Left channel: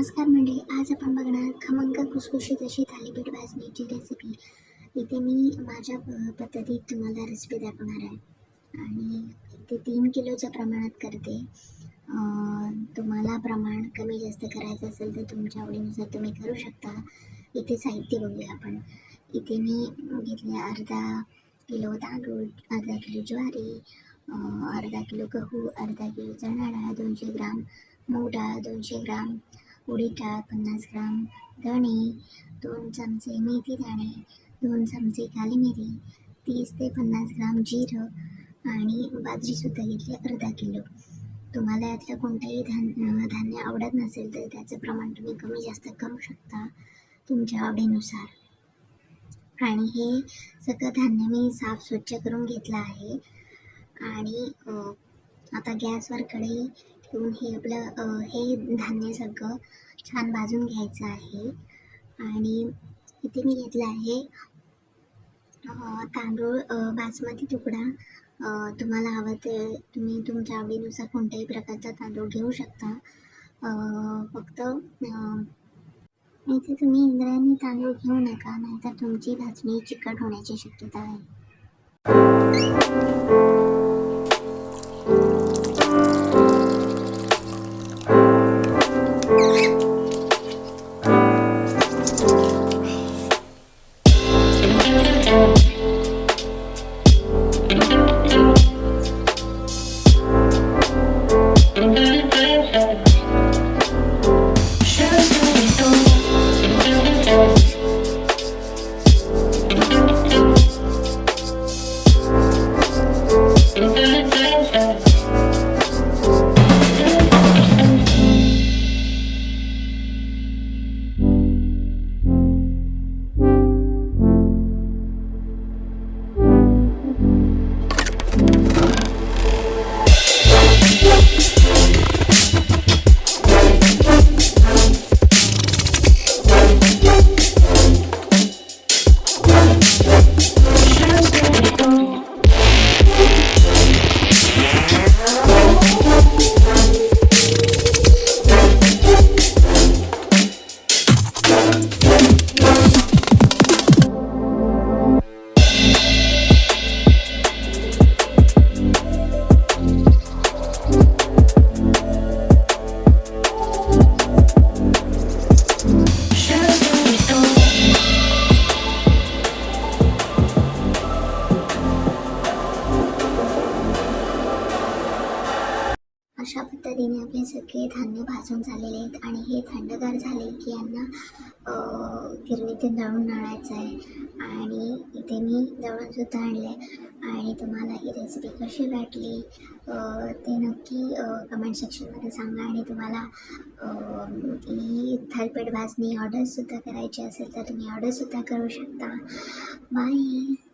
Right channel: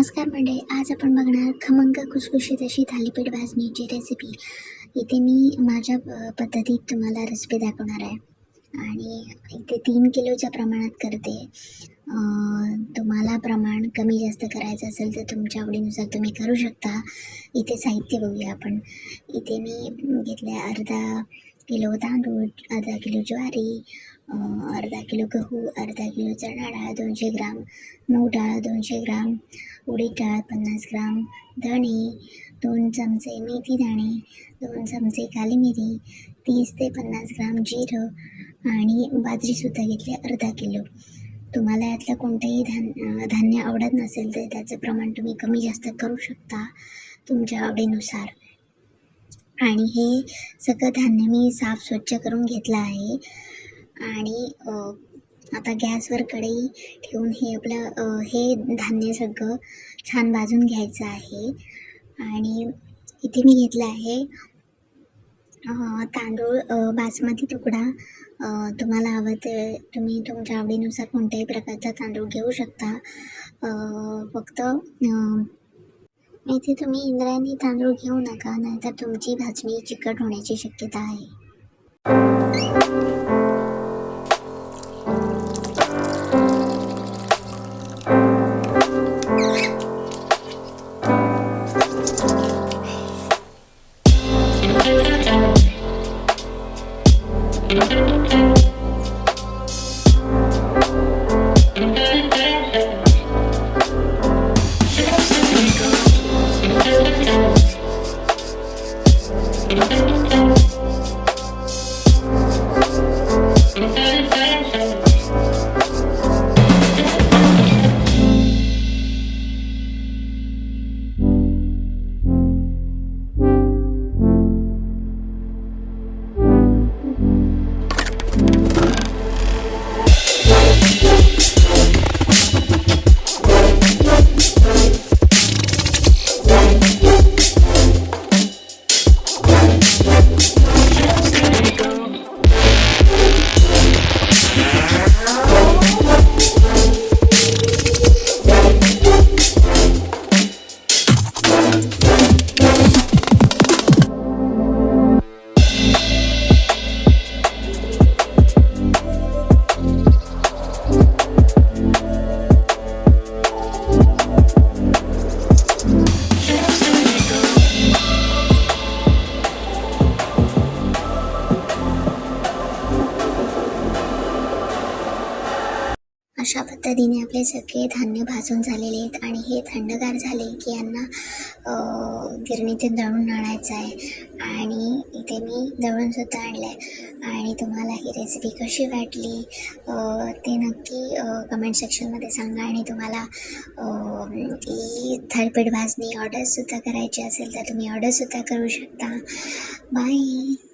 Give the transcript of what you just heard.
नमस्कार मंडळी, आज आपण बघणार खमंग खुसखुशीत अशी थालीपीठ भाजणीची रेसिपी. इथे मी माझ्या पद्धतीत तुम्हाला रेसिपी दाखवणार आहे आणि इथे 3 किलोच्या प्रमाणात करते. तुम्हाला प्रमाण कमी जास्त करायचं असेल तर तुमच्या आवडीनुसार तुम्ही करू शकता. इथे साहित्य बघूया आपण. इथे मी घेतले अर्धा किलो तांदूळ, अर्धा किलो ज्वारी, अर्धा किलो गहू, अर्धा किलो चणा डाळ 200 ग्राम, मूग डाळ 200 ग्राम, उडीद डाळ 50 ग्राम, धणे 2 चमचे, मेथी दाणे 2 चमचे, काली मिरी 30 ते 50 ग्राम, जिरं आणि बाजरीसुद्धा घेतली अर्धा किलो. तुम्हाला यातलं कोणतंही धान्य आवडत नसेल तर त्याचं प्रमाण तुम्ही कमी जास्त करू शकता तुमच्या आवडीनुसार. आणि हे सगळं धान्य मी साफ स्वच्छ करून घेतलं आहे. आणि आता गॅसवर कढई ठेवून हे आपलं हे धान्य सगळं छान भाजून घ्यायचं आहे. आणि इथे मी घेतलं आहे तांदूळ बासमती तुकडा. तुम्हाला हवं ते तुम्ही तुमच्या आवडीनुसार कोणत्याही प्रकारचा तांदूळ घेऊ शकता. फक्त इथे तुम्ही इंद्रायणी तांदूळ घेऊ नका, नाहीतर तुमची भाजणी चिकट होण्याची शक्यता आहे. अशा पद्धतीने आपले सगळे धान्य भाजून झालेले आहेत आणि हे थंडगार झाले की यांना गिरणीत दळून आणायचं आहे. आणि इथे मी दळूनसुद्धा आणलं आहे. आणि तुम्हाला ही रेसिपी कशी वाटली ते नक्की कमेंट सेक्शनमध्ये सांगा. आणि तुम्हाला ही थालीपीठ भाजणी ऑर्डरसुद्धा करायची असेल तर तुम्ही ऑर्डरसुद्धा करू शकता. बाय.